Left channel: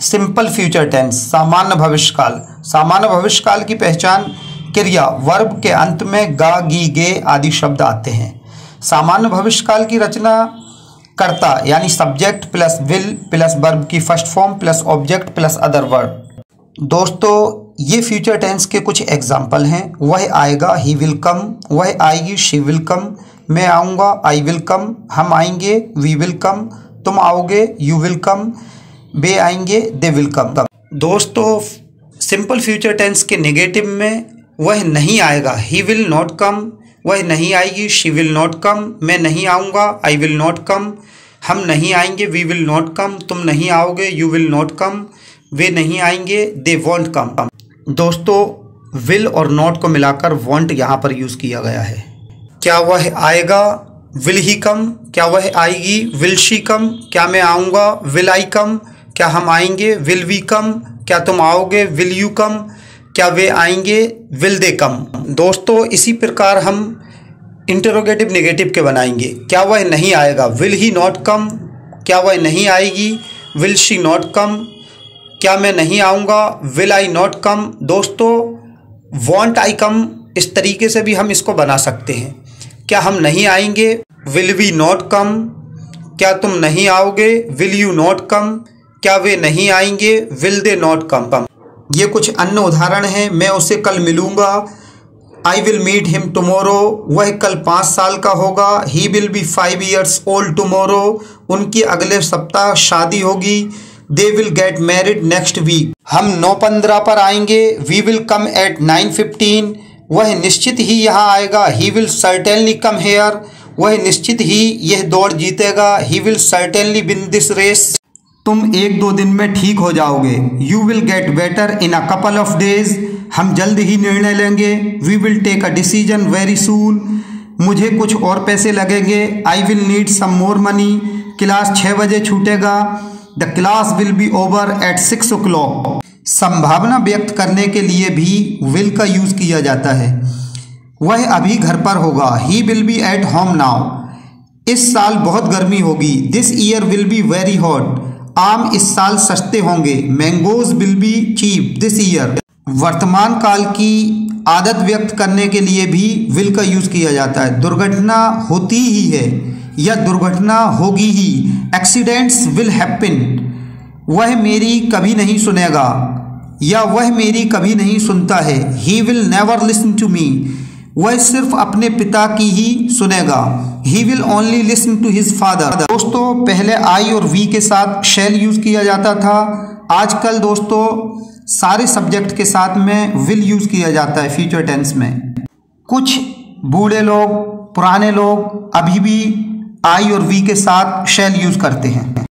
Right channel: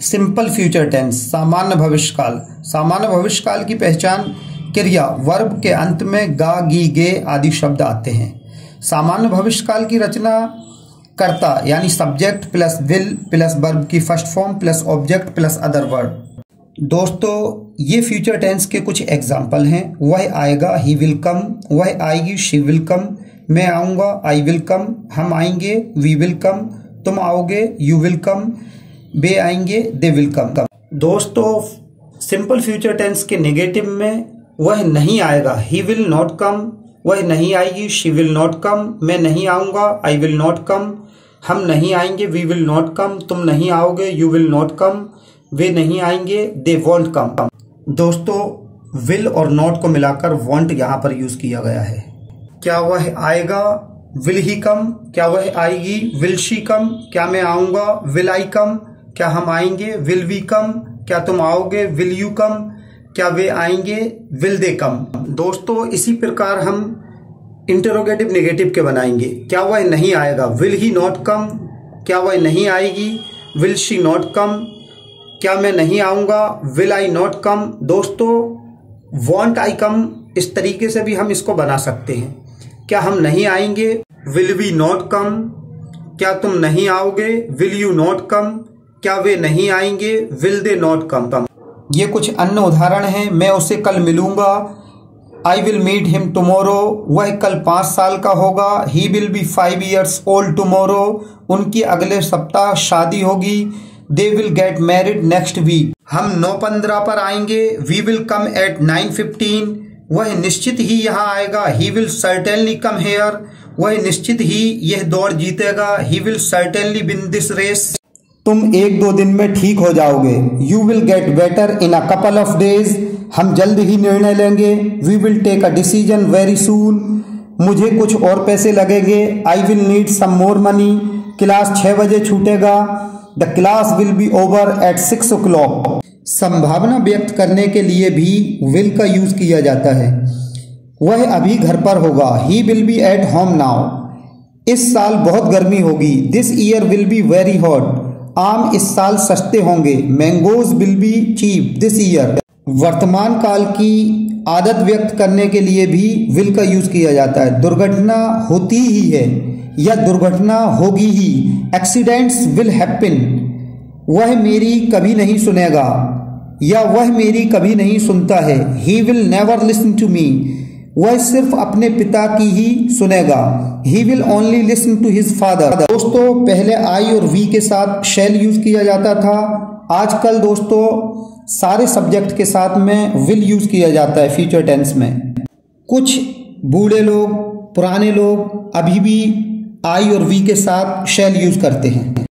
Simple future tense, सामान्य भविष्यकाल। सामान्य भविष्यकाल की पहचान क्रिया वर्ब के अंत में गा, गी, गे आदि शब्द आते हैं। सामान्य भविष्यकाल की रचना कर्ता यानी subject plus will plus verb की first form plus object plus other verb. दोस्तों ये फ्यूचर टेंस के कुछ एग्जाम्पल हैं। वह आएगा, ही विल कम। वह आएगी, शी विल कम। मैं आऊँगा, आई विल कम। हम आएंगे, वी विल कम। तुम आओगे, यू विल कम। वे आएंगे, दे विल कम। दोस्तों सिंपल फ्यूचर टेंस के नेगेटिव में वह नहीं आएगा, ही विल नॉट कम। वह नहीं आएगी, शी विल नॉट कम। मैं नहीं आऊँगा, आई विल नॉट कम। हम नहीं आएंगे, वी विल नॉट कम। तुम नहीं आओगे, यू विल नॉट कम। वे नहीं आएंगे, दे वॉन्ट कम। दोस्तों विल और नॉट को मिलाकर वॉन्ट यहाँ पर यूज़ किया गया है। क्या वह आएगा, विल ही कम। क्या वह आएगी, विल शी कम। क्या मैं आऊँगा, विल आई कम। क्या हम आएंगे, विल वी कम। क्या तुम आओगे, विल यू कम। क्या वे आएंगे, विल दे कम। दोस्तों इसी प्रकार हम इंटरोगेटिव नेगेटिव के बनाएंगे। क्या वह नहीं आएगा, विल ही नॉट कम। क्या वह नहीं आएगी, विल शी नॉट कम। क्या मैं नहीं आऊँगा, विल आई नॉट कम। दोस्तों वॉन्ट आई कम इस तरीके से भी हम इसको बना सकते हैं। क्या हम नहीं आएंगे, विल वी नॉट कम। क्या तुम नहीं आओगे, विल यू नॉट कम। क्या वे नहीं आएंगे, विल दे नॉट कम। ये कुछ अन्य उदाहरण हैं। मैं उससे कल मिलूँगा, I will meet him tomorrow. वह कल 5 साल का होगा, he will be 5 years old tomorrow. उनकी अगले सप्ताह शादी होगी, they will get married next week. हम 9:15 पर आएंगे, वी विल कम एट 9:15। वह निश्चित ही यहाँ आएगा, he will certainly come here. वह निश्चित ही यह दौड़ जीतेगा, he will certainly win this race. तुम 1-2 दिन में ठीक हो जाओगे, you will get better in a couple of days. हम जल्द ही निर्णय लेंगे, we will take a decision very soon. मुझे कुछ और पैसे लगेंगे, I will need some more money. Class 6 बजे छूटेगा, the class will be over eight 6 o'clock। संभावना व्यक्त करने के लिए भी विल का यूज किया जाता है। वह अभी घर पर होगा, he will be at home now. इस साल बहुत गर्मी होगी, this year will be very hot. आम इस साल सस्ते होंगे, mangoes will be cheap this year. वर्तमान काल की आदत व्यक्त करने के लिए भी विल का यूज किया जाता है। दुर्घटना होती ही है या दुर्घटना होगी ही, एक्सीडेंट्स विल हैपन। वह मेरी कभी नहीं सुनेगा या वह मेरी कभी नहीं सुनता है, he will never listen to me. वह सिर्फ अपने पिता की ही सुनेगा, he will only listen to his father. दोस्तों पहले आई और वी के साथ शैल यूज किया जाता था। आजकल दोस्तों सारे सब्जेक्ट के साथ में विल यूज किया जाता है फ्यूचर टेंस में। कुछ बूढ़े लोग, पुराने लोग अभी भी आई और वी के साथ शैल यूज करते हैं।